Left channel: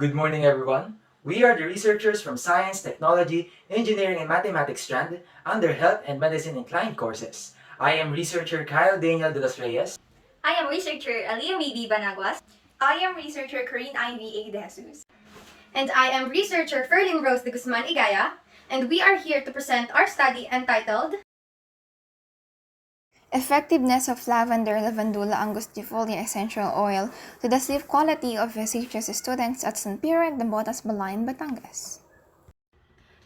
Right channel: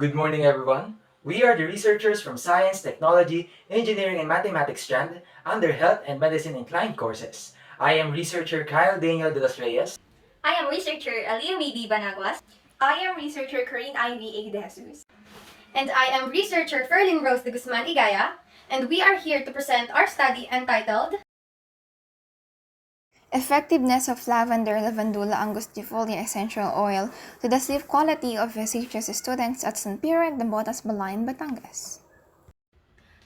Good morning, everyone. We are the researchers from Science, Technology, Engineering, and Mathematics strand under Health and Medicine inclined courses. I am researcher Kyle Daniel de Reyes. I am researcher Alliah Banaguas. I am researcher Corinne De Jesus. And I am researcher Ferlyn Igaya, and we are here to present our study entitled Effectiveness of lavender lavandula angustifolia essential oil to the sleep quality of SHS students at San Pedro and Botas, Balayan, Batangas.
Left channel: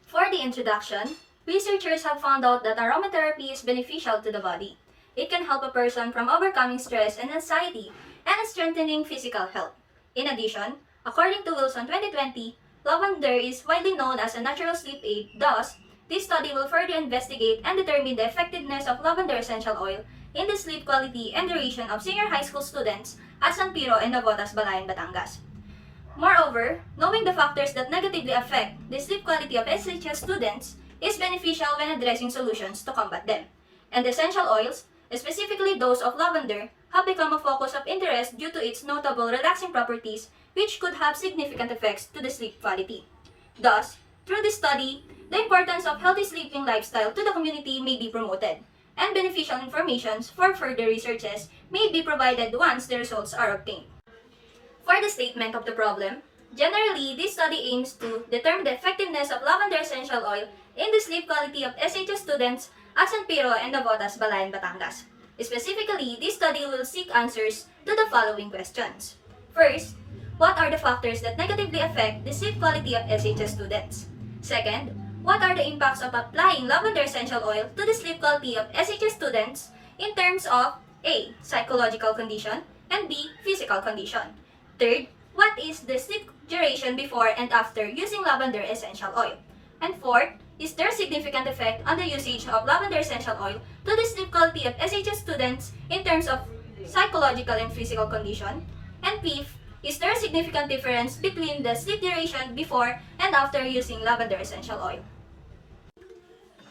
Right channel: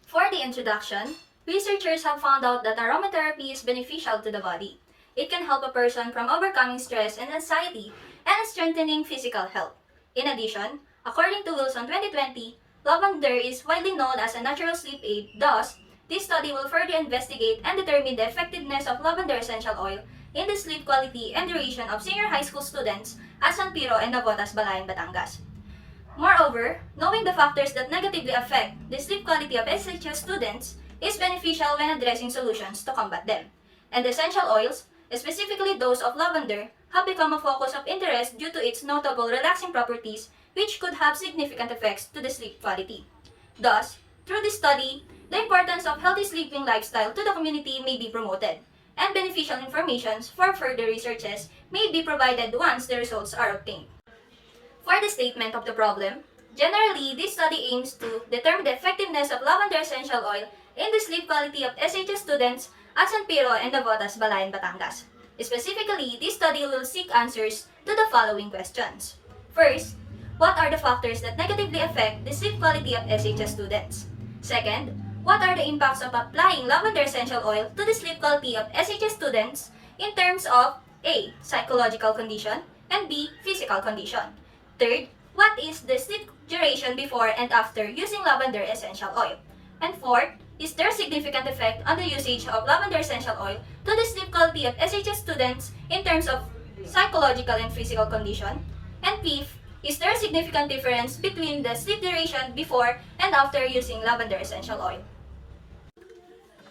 For the introduction, researchers have found out that aromatherapy is beneficial to the body. It can help a person from overcoming stress and anxiety and strengthening physical health. In addition, according to Wilson 2020, lavender is widely known as a natural sleep aid. Thus, this study will further investigate and determine the effectiveness of lavender essential oil in the sleep quality and duration of senior high school students at San Pedro and Navotas, Balayan, Batangas. Moreover, knowing the factors that negatively affect the sleep quality of SHS students is beneficial when addressing solutions to combat them. And essential oils, specifically those of lavender, have become a focus of interest due to its notable relaxing properties which could have significant effects to the sleep quality. Thus, through this study, the importance of healthy sleeping lifestyle to the community may be promoted, and beneficial information for further researches may be provided once the results are obtained. For the statement of the problem, generally, this study aims to determine the effectiveness of lavender essential oil in the sleep quality of SHS students at San Pedro and Navotas, Balayan, Batangas. Specifically, this study will seek answers to the following questions. First, what are the factors that negatively affect the sleep quality of SHS students? Second, what are the impacts of applying lavender essential oil to the sleep quality of SHS students in terms of A. Psychological condition and B. Physical condition? Third, what is the sleep duration before and after using lavender essential oil? And fourth, is there significant effect on the usage of lavender essential oil to the sleep quality of SHS students in terms of psychological and physical condition? And fifth, is there a significant difference between the sleep duration before and after using lavender essential oil?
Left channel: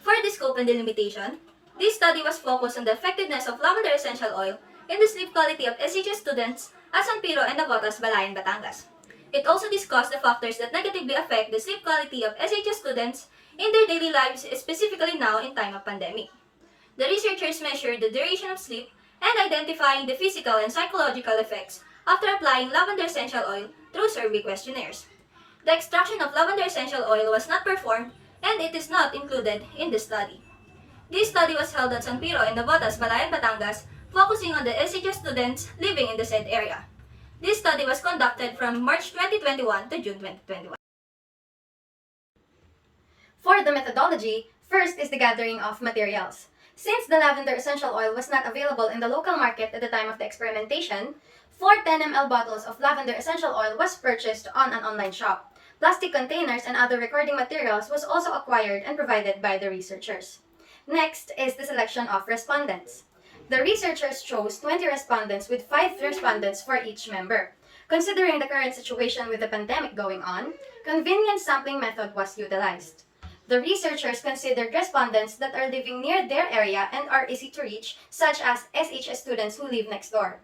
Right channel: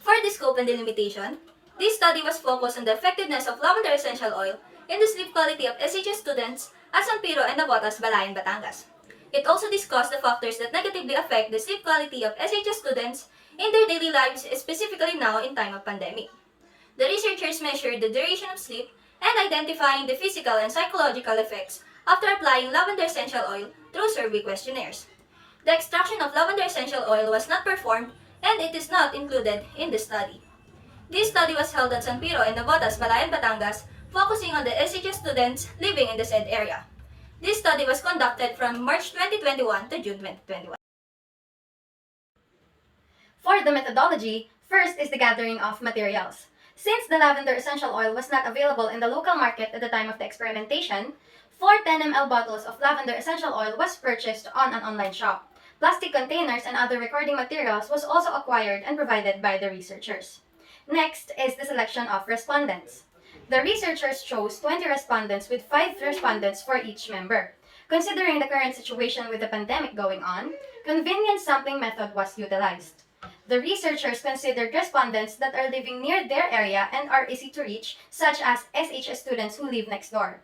For the scope and delimitation, this study was focused on the effectiveness of lavender essential oil in the sleep quality of SHS students at San Pedro and Navotas, Balayan, Batangas. It also discussed the factors that negatively affect the sleep quality of SHS students in their daily lives, specifically now in time of pandemic. The researchers measured the duration of sleep and identifying the physical and psychological effects after applying lavender essential oil through survey questionnaires. The extraction of lavender essential oil was not performed and it is not included in the study. This study was held at San Pedro and Navotas, Balayan, Batangas, focusing on the SHS students living in the said area. This study was conducted from March 2021 to June 2021. For the methodology, first is the gathering of materials. Since the lavender essential oil was not available in the local market at the time of the experimentation, 4 10 ml bottles of lavender essential oil was purchased on an online shop. Plastic containers and other recording materials was also acquired and provided by the researchers. Next is the selection of respondents. The researchers chose 20 respondents with 5 respondents for each member. Considering the current situation with the pandemic going on, convenient sampling method was utilized. The researchers considered respondents that are living near their area and are easy to reach, such as SHS students who live next door.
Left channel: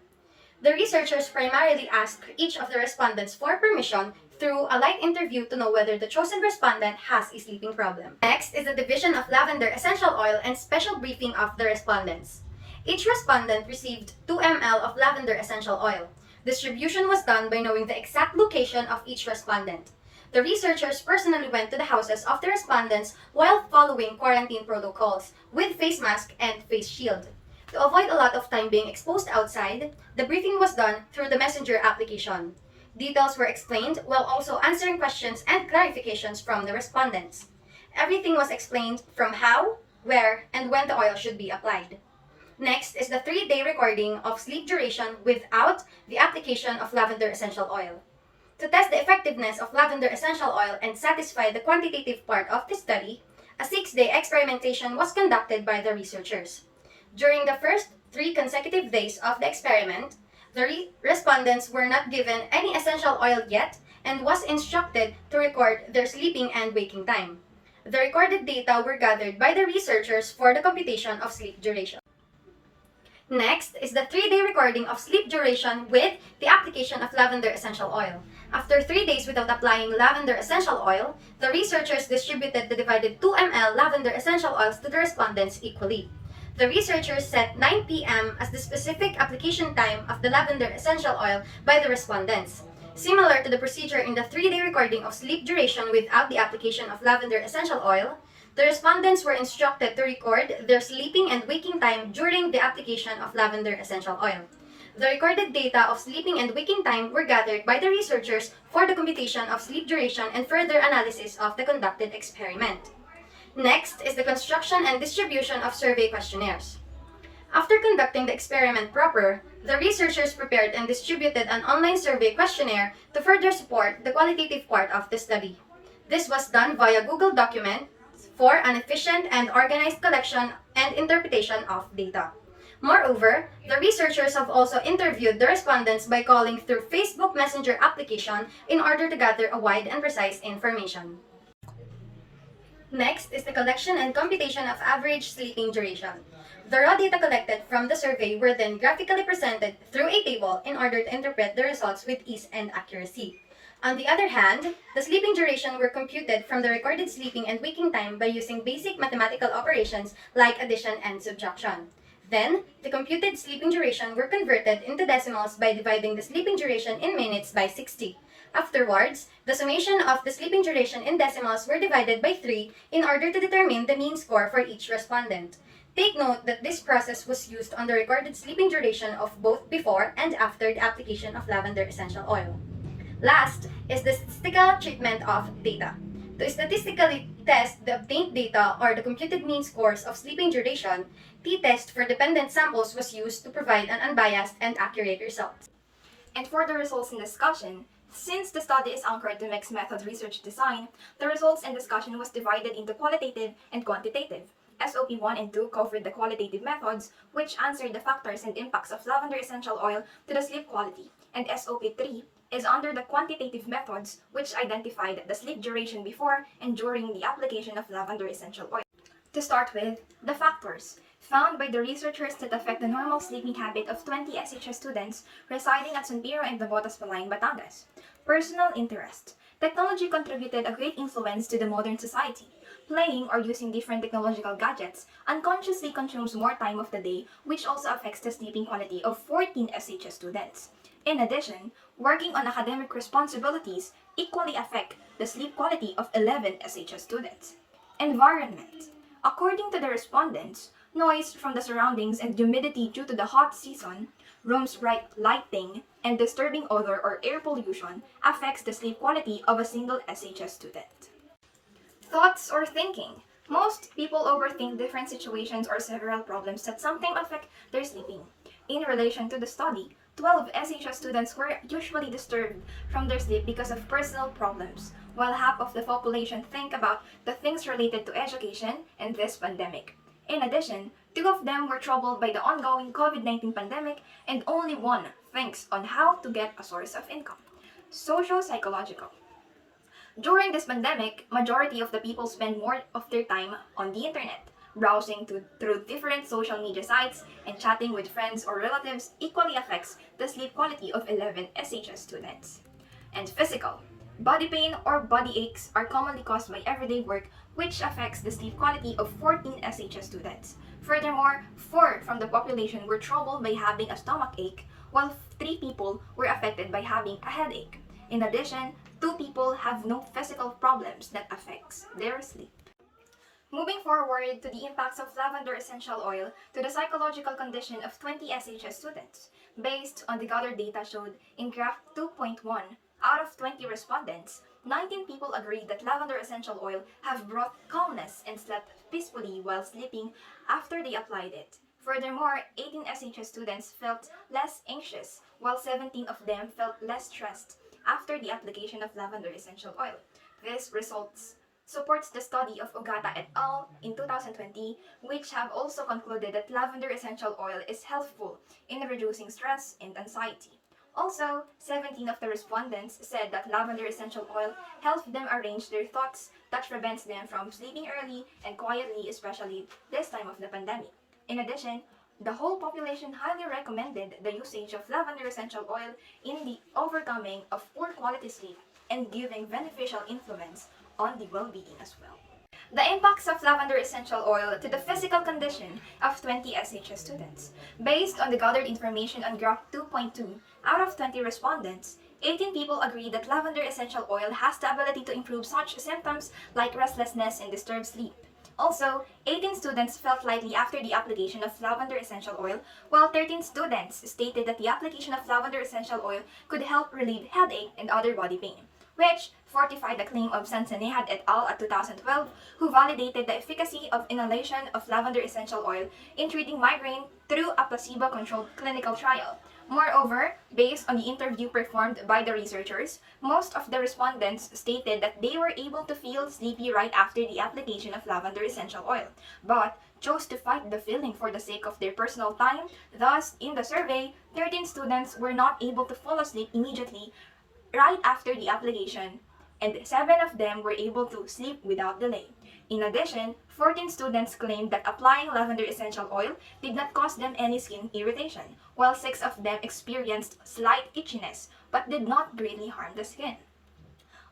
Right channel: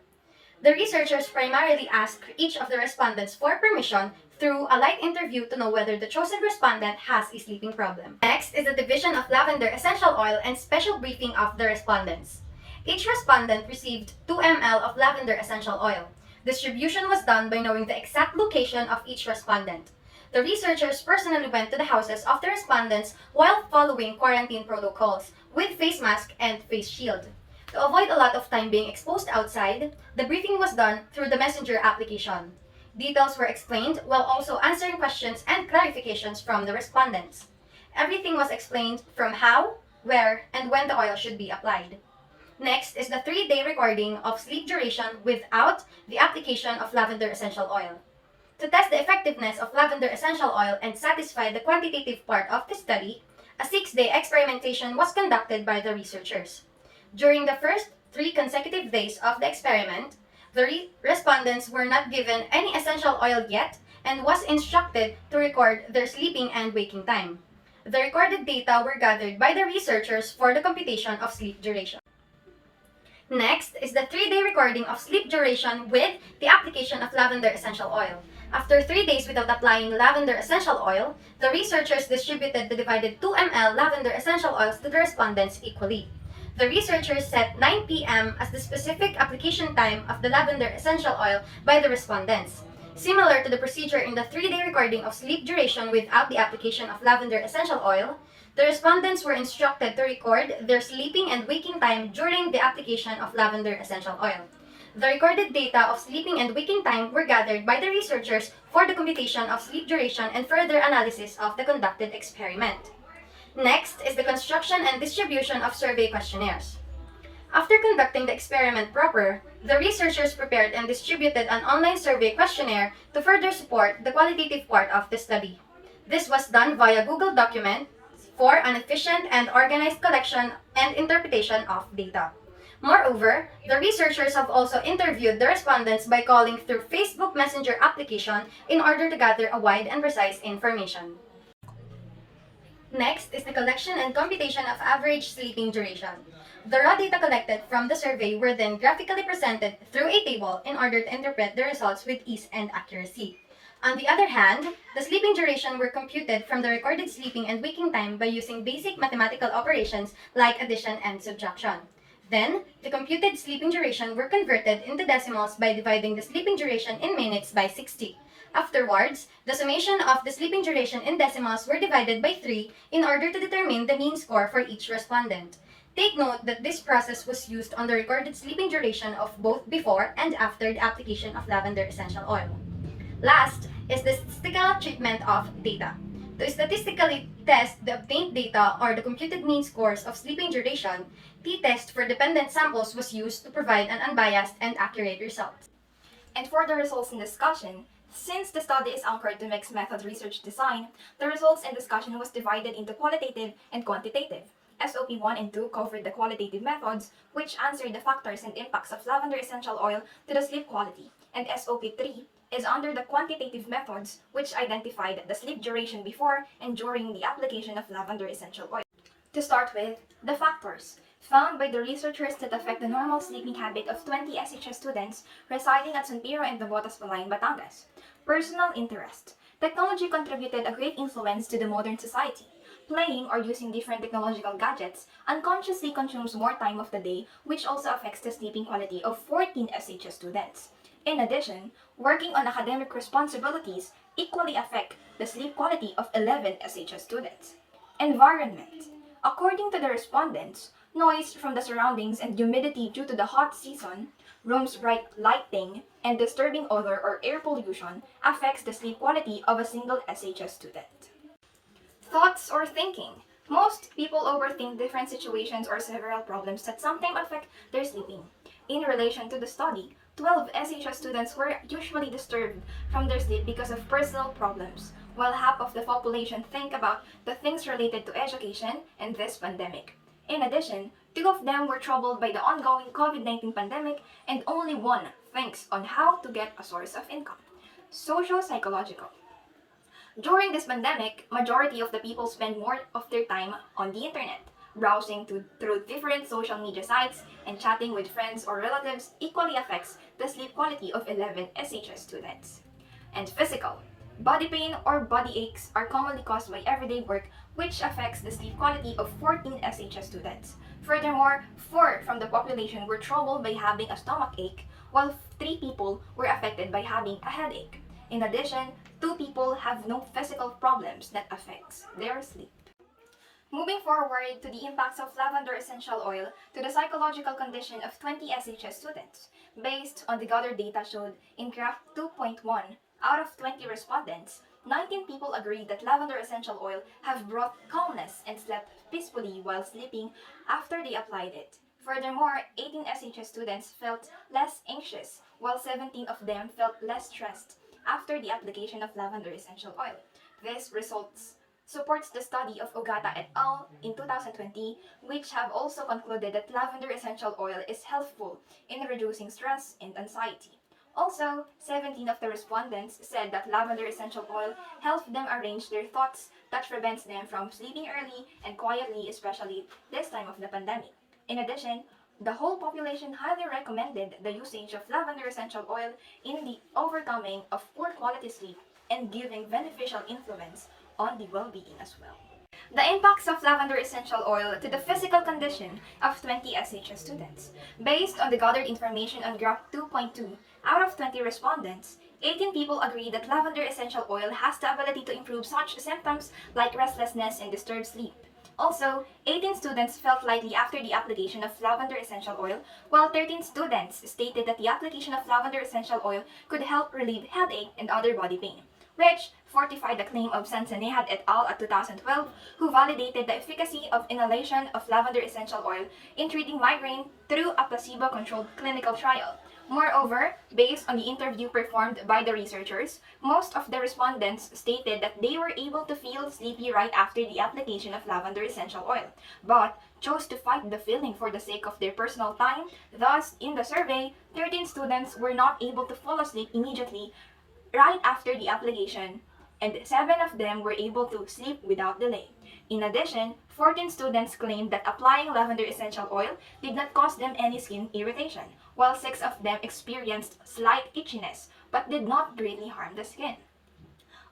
The researchers primarily asked each of the respondents for permission through a light interview to know whether the chosen respondent has a sleeping problem. Next is the division of lavender essential oil and special briefing of the respondents. Each respondent received 2 ml of lavender essential oil. Distribution was done by knowing the exact location of each respondent. The researchers personally went to the houses of the respondents while following quarantine protocols with face mask and face shield. To avoid a lot of time being exposed outside, the briefing was done through the messenger application. Details were explained while also answering questions and clarifications from the respondents. Everything was explained from how, where, and when the oil should be applied. Next is the 3-day recording of sleep duration without the application of lavender essential oil. To test the effectiveness of lavender essential oil and satisfy the quantitative part of the study, a 6-day experimentation was conducted by the researchers. During the first 3 consecutive days of the experiment, the respondents were not given any essential oil yet and was instructed to record their sleeping and waking time. The recorded data were gathered by the researchers for the computation of sleep duration. Next is the 3-day recording of sleep duration with the application of lavender essential oil. After 3 days without applying lavender essential oil, the researchers distributed the divided 2 ml lavender essential oils to the respondents equally. The researchers set 9 p.m. as the specific application time of the lavender essential oil by the respondents. Similar to the procedure in the 3-day recording of sleep duration without the application of lavender essential oil, the respondents were instructed to record their sleeping and waking time during the application of lavender essential oil. The recorded data of sleeping and waking time were gathered by the researchers for the computation of sleep duration and further analysis of the conducted experiment. Next is the construction and distribution of survey questionnaires. After conducting the experiment proper, the researchers prepared and distributed an online survey questionnaire to further support the qualitative part of the study. This was done via Google Document for an efficient and organized collection and interpretation of data. Moreover, the researchers have also interviewed the respondents by calling through Facebook Messenger application in order to gather a wide and precise information. Next is the collection and computation of average sleeping duration. The raw data collected from the survey were then graphically presented through a table in order to interpret the results with ease and accuracy. On the other hand, the sleeping duration were computed from the recorded sleeping and waking time by using basic mathematical operations like addition and subtraction. Then, the computed sleeping duration were converted into decimals by dividing the sleeping duration in minutes by 60. Afterwards, the summation of the sleeping duration in decimals were divided by 3 in order to determine the mean score for each respondent. Take note that this process was used on the recorded sleeping duration of both before and after the application of lavender essential oil. Last is the statistical treatment of data. To statistically test the obtained data or the computed mean scores of sleeping duration, t-test for dependent samples was used to provide an unbiased and accurate result. And for the results and discussion, since the study is anchored to mixed method research design, the results and discussion was divided into qualitative and quantitative. SOP 1 and 2 covered the qualitative methods, which answered the factors and impacts of lavender essential oil to the sleep quality, and SOP 3 is under the quantitative methods, which identified the sleep duration before and during the application of lavender essential oil. To start with, the factors found by the researchers that affect the normal sleeping habit of 20 SHS students residing at San Pedro and Nabotas, Batangas. Personal interest. Technology contributed a great influence to the modern society. Playing or using different technological gadgets unconsciously consumes more time of the day, which also affects the sleeping quality of 14 SHS students. In addition, working on academic responsibilities equally affect the sleep quality of 11 SHS students. Environment. According to the respondents, noise from the surroundings and humidity due to the hot season, rooms' bright lighting, and disturbing odor or air pollution affects the sleep quality of a single SHS student. Thoughts or thinking. Most people overthink different situations or several problems that sometimes affect their sleeping. In relation to the study, 12 SHS students were usually disturbed from their sleep because of personal problems, while half of the population think about the things related to education and this pandemic. In addition, 2 of them were troubled by the ongoing COVID-19 pandemic, and only 1 thinks on how to get a source of income. Socio-psychological. During this pandemic, majority of the people spend more of their time on the internet, browsing through different social media sites, and chatting with friends or relatives equally affects the sleep quality of 11 SHS students. And physical. Body pain or body aches are commonly caused by everyday work, which affects the sleep quality of 14 SHS students. Furthermore, 4 from the population were troubled by having a stomach ache, while 3 people were affected by having a headache. In addition, 2 people have no physical problems that affects their sleep. Moving forward to the impacts of lavender essential oil to the psychological condition of 20 SHS students, based on the gathered data showed in graph 2.1, out of 20 respondents, 19 people agreed that lavender essential oil have brought calmness and slept peacefully while sleeping after they applied it. Furthermore, 18 SHS students felt less anxious, while 17 of them felt less stressed after the application of lavender essential oil. This results supports the study of Ogata et al. In 2020, which have also concluded that lavender essential oil is helpful in reducing stress and anxiety. Also, 17 of the respondents said that lavender essential oil helps them arrange their thoughts that prevents them from sleeping early and quietly, especially this time of the pandemic. In addition, The whole population highly recommended the usage of lavender essential oil in the overcoming of poor quality sleep and giving beneficial influence on the well-being as well. The impacts of lavender essential oil to the physical condition of 20 SHS students. Based on the gathered information on graph 2.2, out of 20 respondents, 18 people agreed that lavender essential oil has the ability to improve such symptoms like restlessness and disturbed sleep. Also, 18 students felt lightly after the application of lavender essential oil, while 13 students stated that the application of lavender essential oil could help relieve headache and other body pain, which fortified the claim of Sansanehad et al. At 2012, who validated the efficacy of inhalation of lavender essential oil in treating migraine through a placebo-controlled clinical trial. Moreover, based on the interview performed by the researchers, most of the respondents stated that they were able to feel sleepy right after the application of lavender essential oil, but chose to fight the feeling for the sake of their personal time. Thus, in the survey, 13 students were not able to fall asleep immediately right after the application, and 7 of them were able to sleep without delay. In addition, 14 students claimed that applying lavender essential oil did not cause them any skin irritation, while 6 of them experienced slight itchiness but did not greatly harm the skin.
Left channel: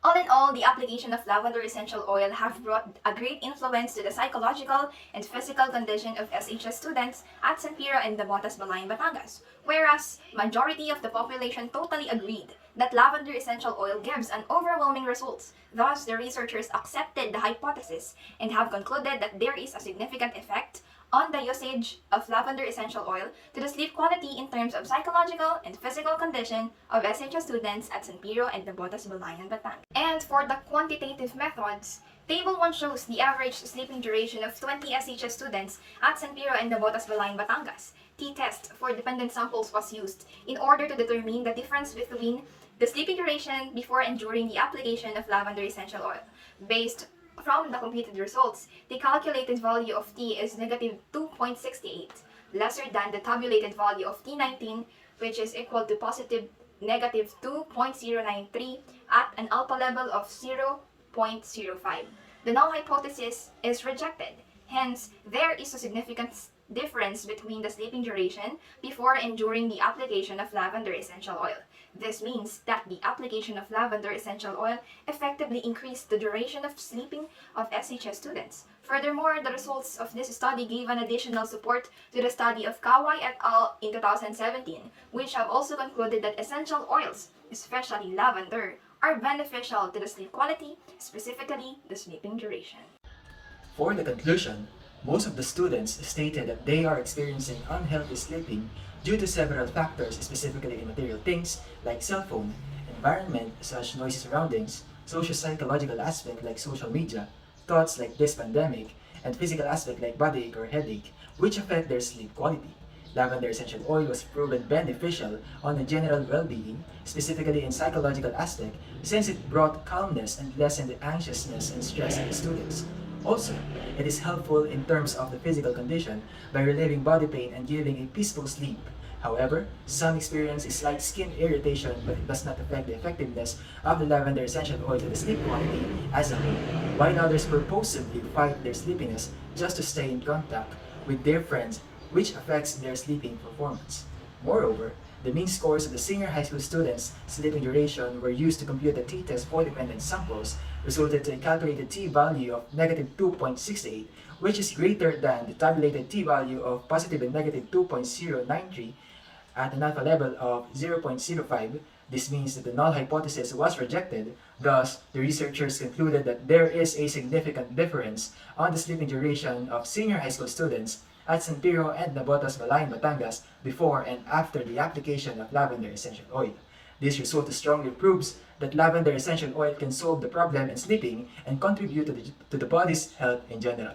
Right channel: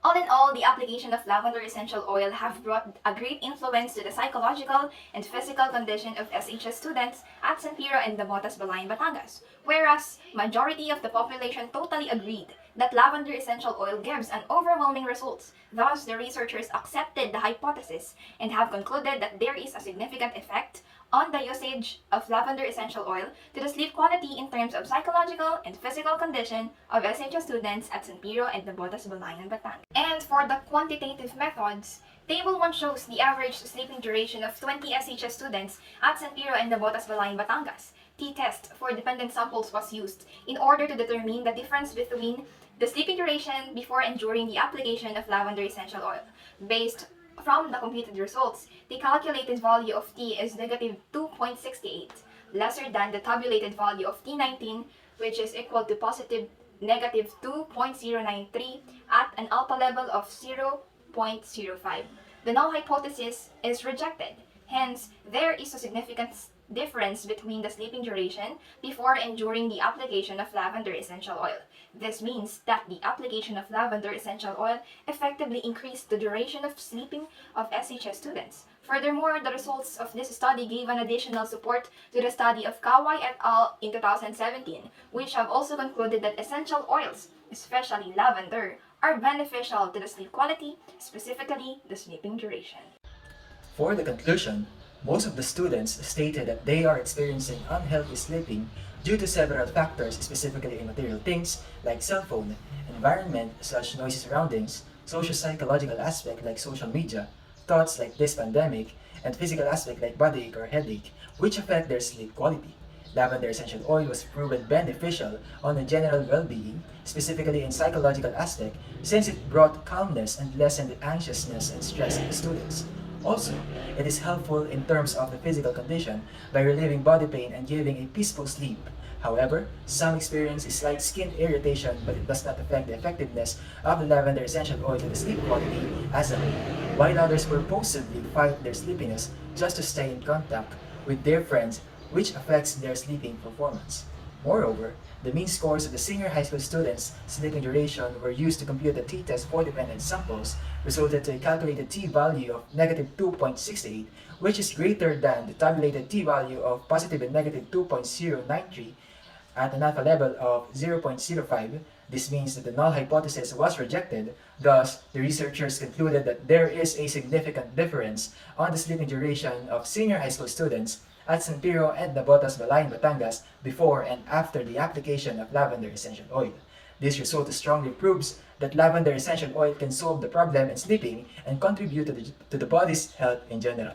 All in all, the application of lavender essential oil have brought a great influence to the psychological and physical condition of SHS students at San Pedro and Nabotas, Balayan, Batangas, whereas majority of the population totally agreed that lavender essential oil gives an overwhelming results. Thus, the researchers accepted the hypothesis and have concluded that there is a significant effect on the usage of lavender essential oil to the sleep quality in terms of psychological and physical condition of SHS students at San Pedro and Nabotas, Balayan, Batangas. And for the quantitative methods, Table 1 shows the average sleeping duration of 20 SHS students at San Pedro and Nabotas, Balayan, Batangas. T-test for dependent samples was used in order to determine the difference between the sleeping duration before and during the application of lavender essential oil. Based from the computed results, the calculated value of T is negative 2.68, lesser than the tabulated value of T19, which is equal to positive negative 2.093 at an alpha level of 0.05. The null hypothesis is rejected. Hence, there is a significant difference between the sleeping duration before and during the application of lavender essential oil. This means that the application of lavender essential oil effectively increased the duration of sleeping of SHS students. Furthermore, the results of this study gave an additional support to the study of Kawai et al. In 2017, which have also concluded that essential oils, especially lavender, are beneficial to the sleep quality, specifically the sleeping duration. For the conclusion, most of the students stated that they are experiencing unhealthy sleeping due to several factors, specifically immaterial things like cell phone, environment such noisy surroundings, socio-psychological aspect like social media, thoughts like this pandemic, and physical aspect like body ache or headache, which affect their sleep quality. Lavender essential oil was proven beneficial on the general well-being, specifically in psychological aspect, since it brought calmness and lessened anxiousness and stress in the students. Also, it is helpful in terms of the physical condition by relieving body pain and giving a peaceful sleep. However, some experience a slight skin irritation, but it does not affect the effectiveness of the lavender essential oil to the sleep quality as a whole, while others purposefully fight their sleepiness just to stay in contact with their friends, which affects their sleeping performance. Moreover, the mean scores of the senior high school students' sleeping duration were used to compute the t-test for dependent samples, resulted to a calculated t-value of negative 2.68, which is greater than the tabulated t-value of positive and negative 2.093 at an alpha level of 0.05. This means that the null hypothesis was rejected. Thus, the researchers concluded that there is a significant difference on the sleeping duration of senior high school students at San Pedro and Nabotas, Balayan, Batangas before and after the application of lavender essential oil. This result strongly proves that lavender essential oil can solve the problem in sleeping and contribute to the body's health in general.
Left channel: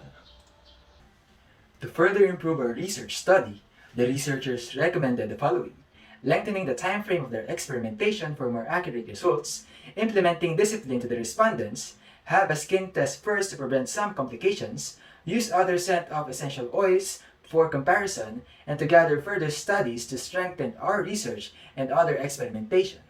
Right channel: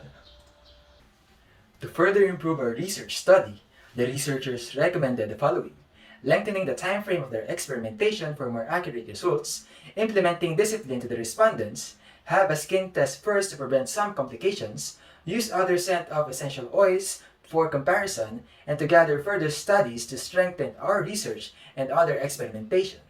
To further improve our research study, the researchers recommended the following: lengthening the time frame of their experimentation for more accurate results, implementing discipline to the respondents, have a skin test first to prevent some complications, use other scent of essential oils for comparison, and to gather further studies to strengthen our research and other experimentation.